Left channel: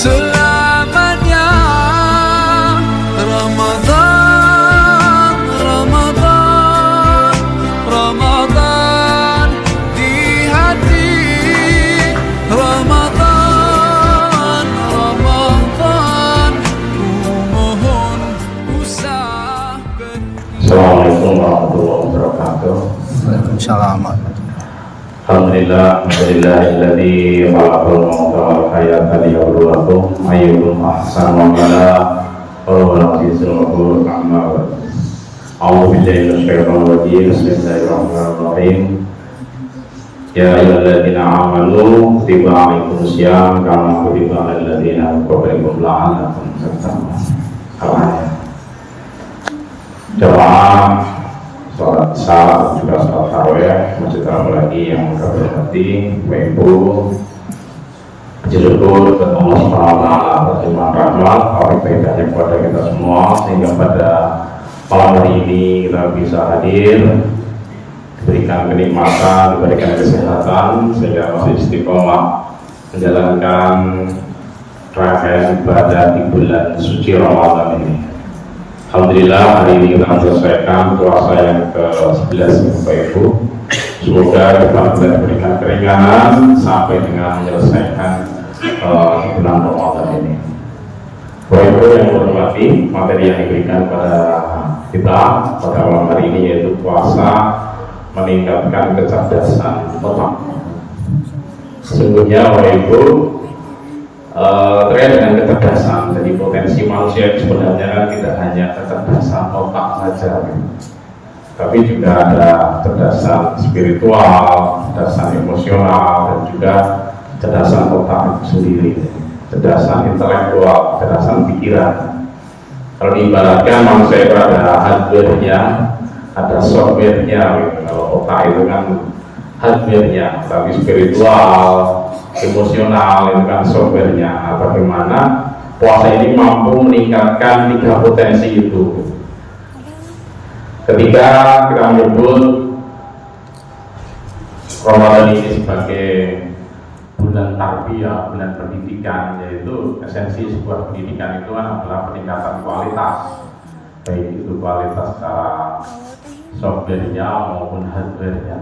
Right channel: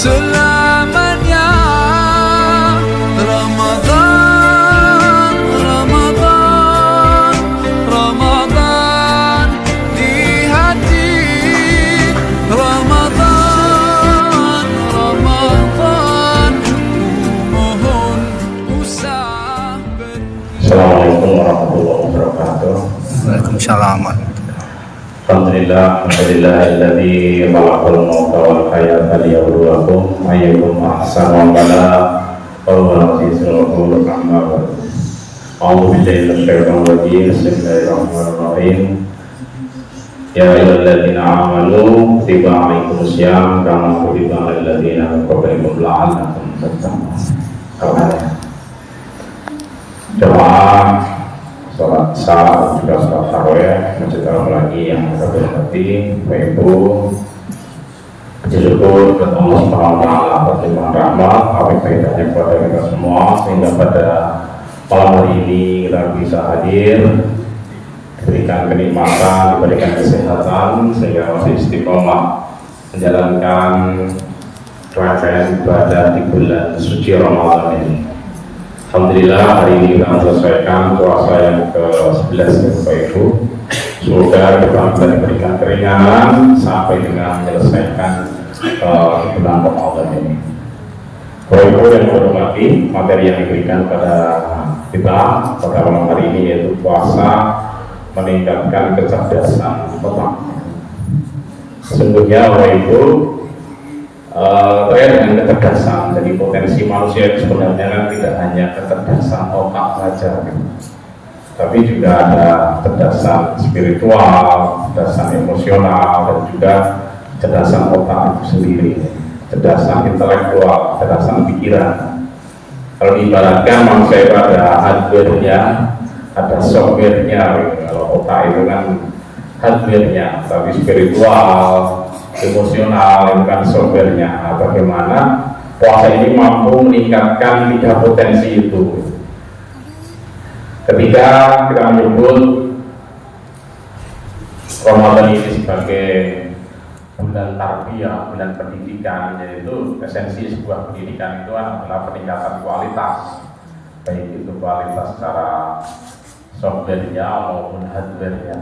selamanya. Ramadan, Ramadan, Ramadan di hati. Ramadan, Ramadan, ku mohon usah pergi. Assalamualaikum warahmatullahi wabarakatuh. Waalaikumsalam. Alhamdulillah, alladzi khalaqal mauta wal hayata liyabluwakum ayyukum ahsanu amala wa huwal azizul ghafur. A'udzu billahi minasyaitonir rajim. Bismillahirrahmanirrahim. Ya ayyuhalladzina amanu kutiba alaikumus syiyam kama kutiba alal ladzina min qablikum la'allakum tattaqun. Jemaah sholat salat juga sholat tarawih, masjid lagi yang kami hormati, Bapak Ibu, puji syukur kepada Allah Subhanahu wa Ta'ala atas limpahan rahmat, kaitannya kepada kita semua, sehingga pada malam hari ini kita bisa hadir, diberikan kenikmatan, diberikan kesehatan, sehingga masih istiqomah menjalankan rangkaian ibadah di bulan suci Ramadan ini. Alhamdulillah hari ini kita selesaikan puasa yang ke-11 Bapak Ibu. Semoga kita bisa diberikan keringanan sampai dengan menyelesaikan bulan Ramadan ini. Bapak Ibu yang hormati, materi yang diberikan pada kita pada malam hari ini yaitu puasa meningkatkan kecerdasan otak. Sesungguhnya Bapak Ibu terkait dengan kecerdasan, jadi potensi manusia itu sebenarnya kan tidak hanya kecerdasan otak saja, tapi juga ada kecerdasan spiritual, kecerdasan emosional, dan juga kecerdasan otak itu sendiri, kecerdasan intelektual, kecerdasan pikiran. Kalau diibaratkan manusia itu ada hardware-nya, ada software-nya. Kalau otak itu kan hardware-nya, tapi spiritual, emosional itu kan software-nya. Bagaimana puasa ini mampu meningkatkan 3 potensi itu. Ketika kita menyebut Ramadan ini sebagai bulan tarbiyah, bulan pendidikan, yaitu esensi sebuah pendidikan itu adalah peningkatan kualitas, baik itu kualitas secara software-nya maupun hardware-nya.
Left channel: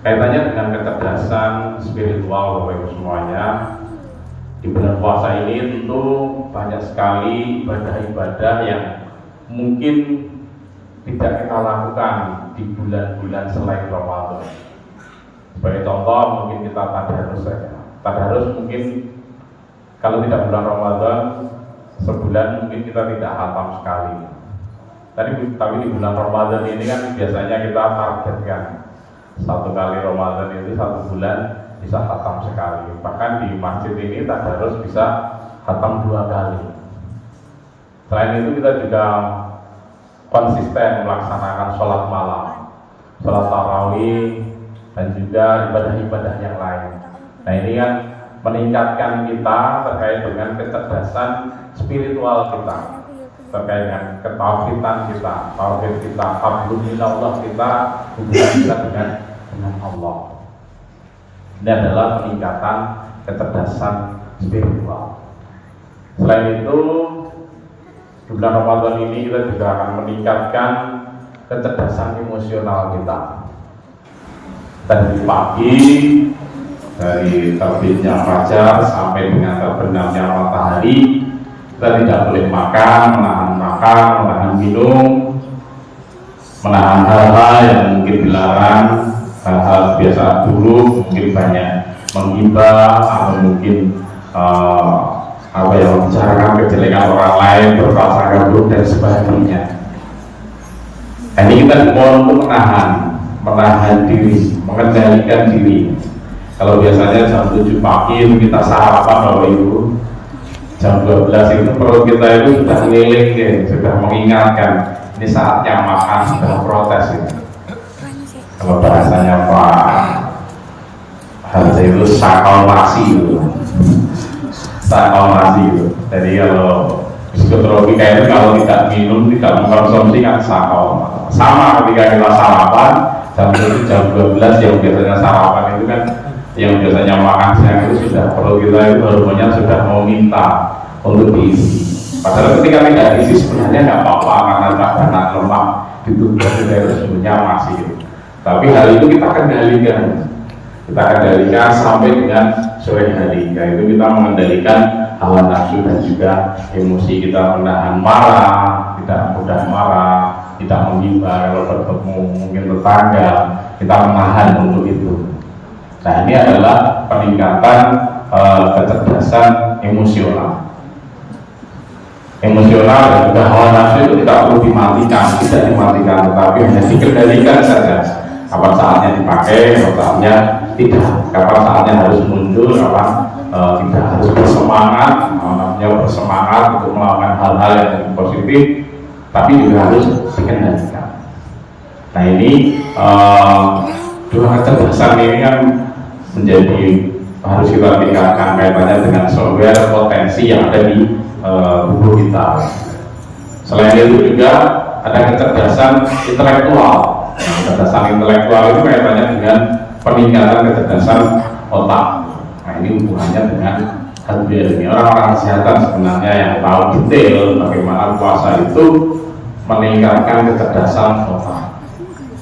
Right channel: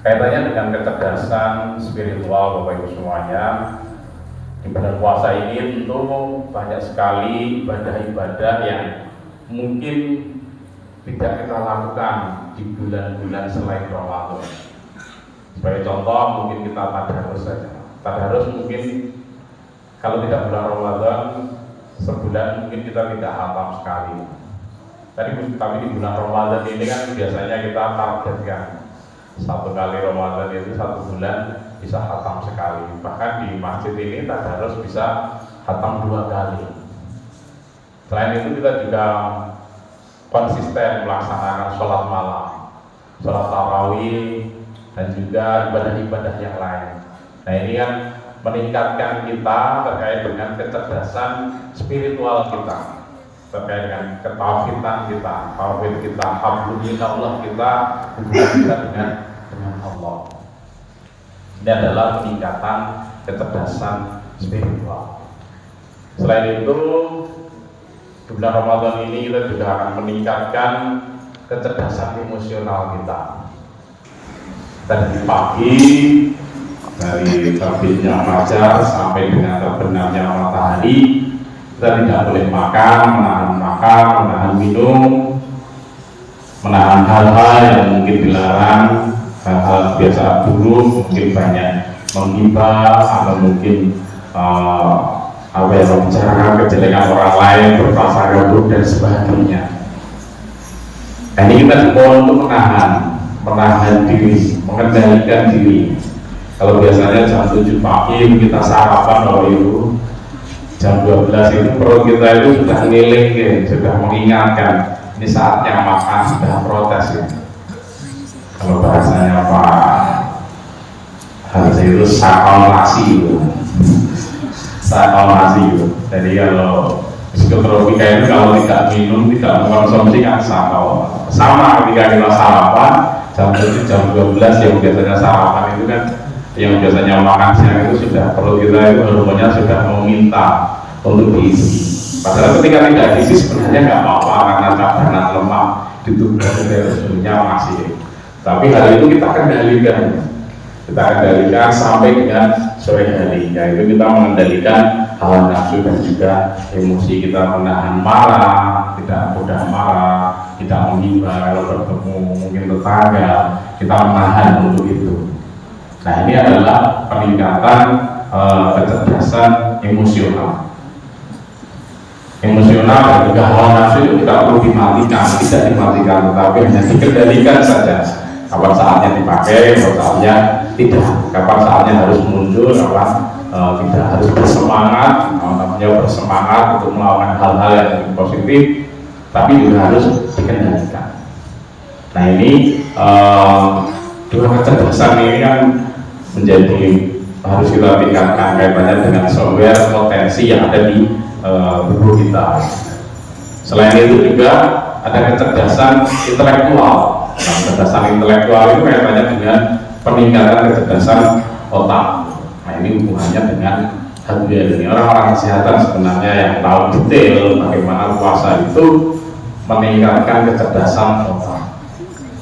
Kaitannya dengan kecerdasan spiritual Bapak Ibu semuanya, di bulan puasa ini tentu banyak sekali ibadah-ibadah yang mungkin tidak kita lakukan di bulan-bulan selain Ramadan. Sebagai contoh mungkin kita tadarus saja. Tadarus mungkin kalau tidak bulan Ramadan sebulan mungkin kita tidak hafal sekali. Tapi di bulan Ramadan ini kan biasanya kita targetkan 1 kali Ramadan itu 1 bulan bisa khatam sekali. Bahkan di masjid ini tadarus bisa khatam 2 kali. Selain itu kita juga konsisten melaksanakan sholat malam, sholat tarawih, dan juga ibadah-ibadah yang lain. Nah ini kan meningkatkan kita terkait dengan kecerdasan spiritual kita, terkait dengan ketauhidan kita, tauhid kita, hablum kita, Allah kita, hubungan kita dengan Allah. Ini adalah peningkatan kecerdasan spiritual. Selain itu, di bulan Ramadan ini kita juga akan meningkatkan kecerdasan emosional kita. Dari pagi, dari terbitnya fajar sampai dengan terbenamnya matahari, kita tidak boleh makan, menahan minum, menahan hal-hal yang mungkin dilarang, hal-hal biasa dulu, mungkin banyak menghibah atau mungkin membicarakan kejelekan orang lain, berprasangka buruk dan sebagainya. Ini kita mohon untuk menahan diri, mengendalikan diri. Kalau biasanya jam 7 pagi kita sarapan Bapak Ibu, jam 12 itu perut kita itu sudah ngiling, sudah mengingatkan ini saatnya makan, sudah protes ini. Kalau bahasanya Pak Haji itu sakalasi itu. Jadi kalau psikotropika itu kalau tidak minum, tidak mengkonsumsi kan sakal. Sama ketika kita sarapan jam 7, jam 12 yang biasanya sarapan itu kan yang biasanya makan siang itu sudah perlu kita itu hormonnya sudah mau minta untuk diisi. Padahal ketika tidak diisi sebenarnya nggak apa-apa karena cadangan lemak di tubuh sebenarnya masih. Tapi hal itu kita kendalikan. Kita kendalikan sampai dengan sore hari. Yaitu kita mengendalikan hawa nafsu dan juga emosi, kita menahan marah, kita mudah marah, kita menghibur kalau bertemu mungkin tetangga, kita menahan untuk itu. Nah, ini adalah peningkatan kecerdasan emosional. Emosional dan juga hawa nafsu itu tidak perlu dimatikan, tidak dimatikan, tetapi hanya dikendalikan saja. Kapan saatnya dipakai, kapan saatnya tidak, kapan saatnya harus muncul, kapan tidak harus bersemangat, makanya bersemangat untuk melakukan hal-hal yang positif, tapi juga harus dikendalikan. Nah, ini dua kecerdasan ini kan menjadi harus kita tingkatkan kaitannya dengan sumber potensi yang ada di tubuh kita. Selain itu juga ada kecerdasan intelektual. Kecerdasan intelektual itu kaitannya dengan peningkatan kecerdasan otak. Nah, ini hubungannya dengan hardware. Ini orang-orang kesehatan sebenarnya yang tahu detail bagaimana puasa itu meningkatkan kecerdasan otak.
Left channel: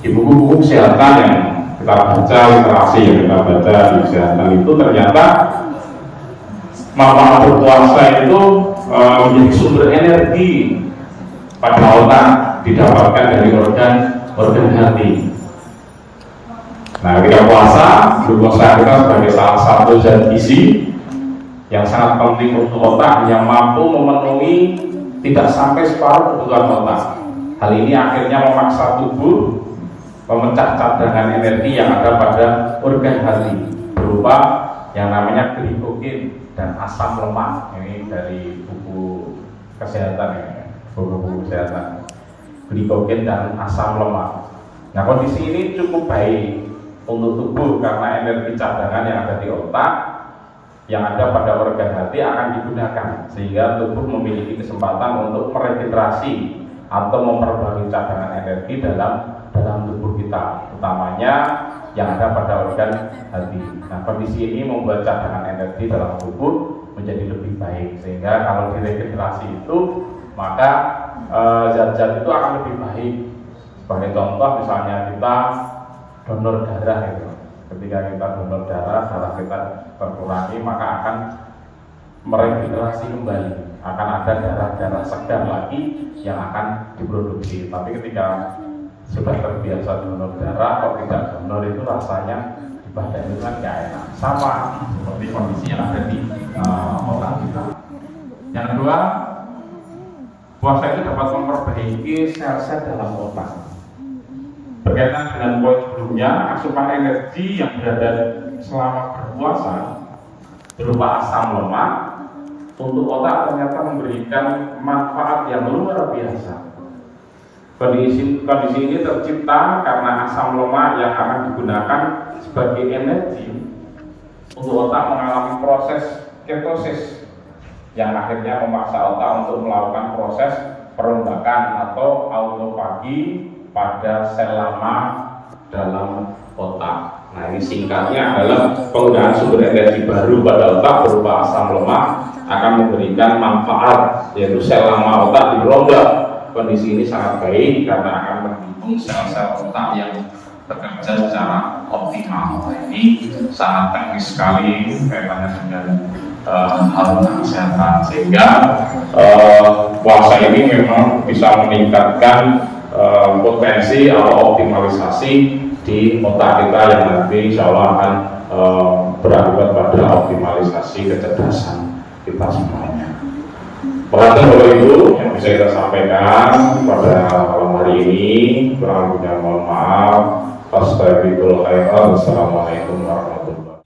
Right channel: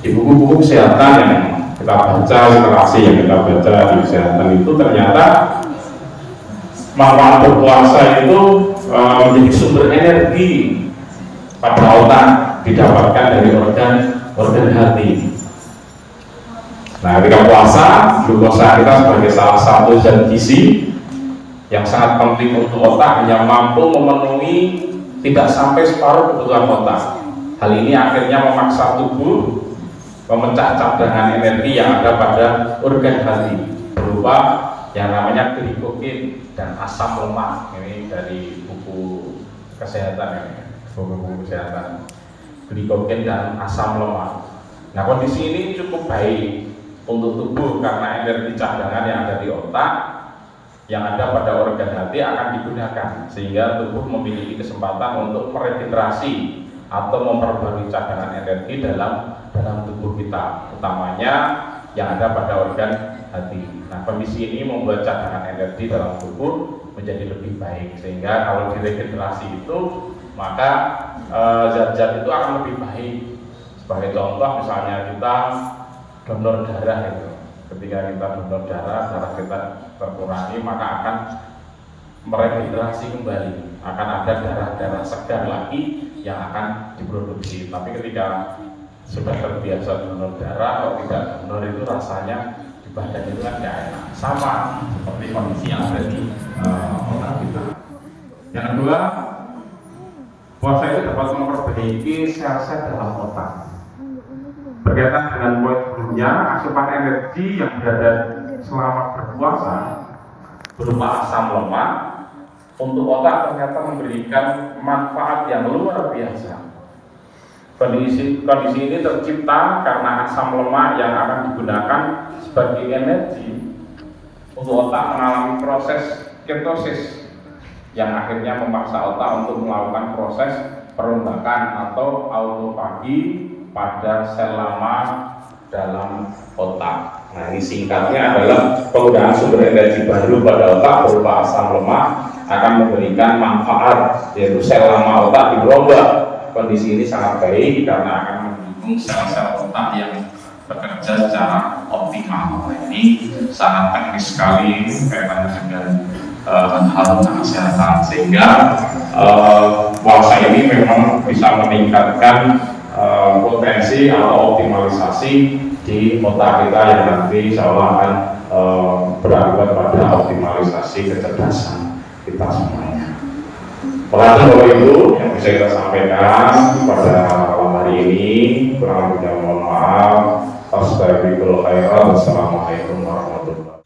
Di buku-buku kesehatan yang kita baca, literasi yang kita baca di kesehatan itu ternyata manfaat berpuasa itu menjadi sumber energi pada otak didapatkan dari organ hati. Nah, ketika puasa, glukosa kita sebagai salah satu zat gizi yang sangat penting untuk otak, yang mampu memenuhi tidak sampai separuh kebutuhan otak. Hal ini akhirnya memaksa tubuh memecah cadangan energi yang ada pada organ hati berupa yang namanya glikogen dan asam lemak. Ini dari buku kesehatan ini, buku kesehatan. Glikogen dan asam lemak. Nah, kondisi ini cukup baik untuk tubuh karena energi cadangan yang ada di otak yang ada pada organ hati akan digunakan sehingga tubuh memiliki kesempatan untuk meregenerasi atau memperbarui cadangan energi dalam tubuh kita, utamanya yang ada pada organ hati. Nah, kondisi ini membuat cadangan energi dalam tubuh menjadi lebih baik sehingga kalau diregenerasi itu maka zat-zat itu akan lebih baik. Sebagai contoh misalnya kita donor darah itu, ketika kita donor darah kita terkurangi maka akan meregenerasi kembali, akan ada darah-darah segar lagi yang akan diproduksi. Tapi ketika sudah terbiasa donor darah atau tidak donor itu rasanya di badan itu kan nggak enak, sama seperti kondisi yang ada di otak kita. Yang kedua, puasa itu dapat memperbaiki sel-sel dalam otak. Berkaitan dengan poin sebelumnya, asupan energi yang berada selama berpuasa berupa asam lemak untuk otak ternyata memberikan manfaat yang luar biasa. Kondisi ini tercipta karena asam lemak yang akan digunakan sebagai energi untuk otak mengalami proses ketosis yang akhirnya memaksa otak untuk melakukan proses perombakan atau autofagi pada sel lama dalam otak. Nah, ini singkatnya adalah penggunaan sumber energi baru pada otak berupa asam lemak akan memberikan manfaat, yaitu sel lama otak dirombak. Kondisi ini sangat baik karena akan mendukung sel-sel otak yang bekerja secara optimal. Ini sangat teknis sekali berkaitan dengan hal kesehatan, sehingga puasa ini memang bisa meningkatkan potensi atau optimalisasi di otak kita yang nanti insya Allah akan berakibat pada optimalisasi kecerdasan kita semuanya. Pengantar Bapak Ibu yang bisa kita sampaikan pada malam hari ini, kurang lebihnya mohon maaf. Astagfirullahaladzim. Wassalamualaikum warahmatullahi wabarakatuh.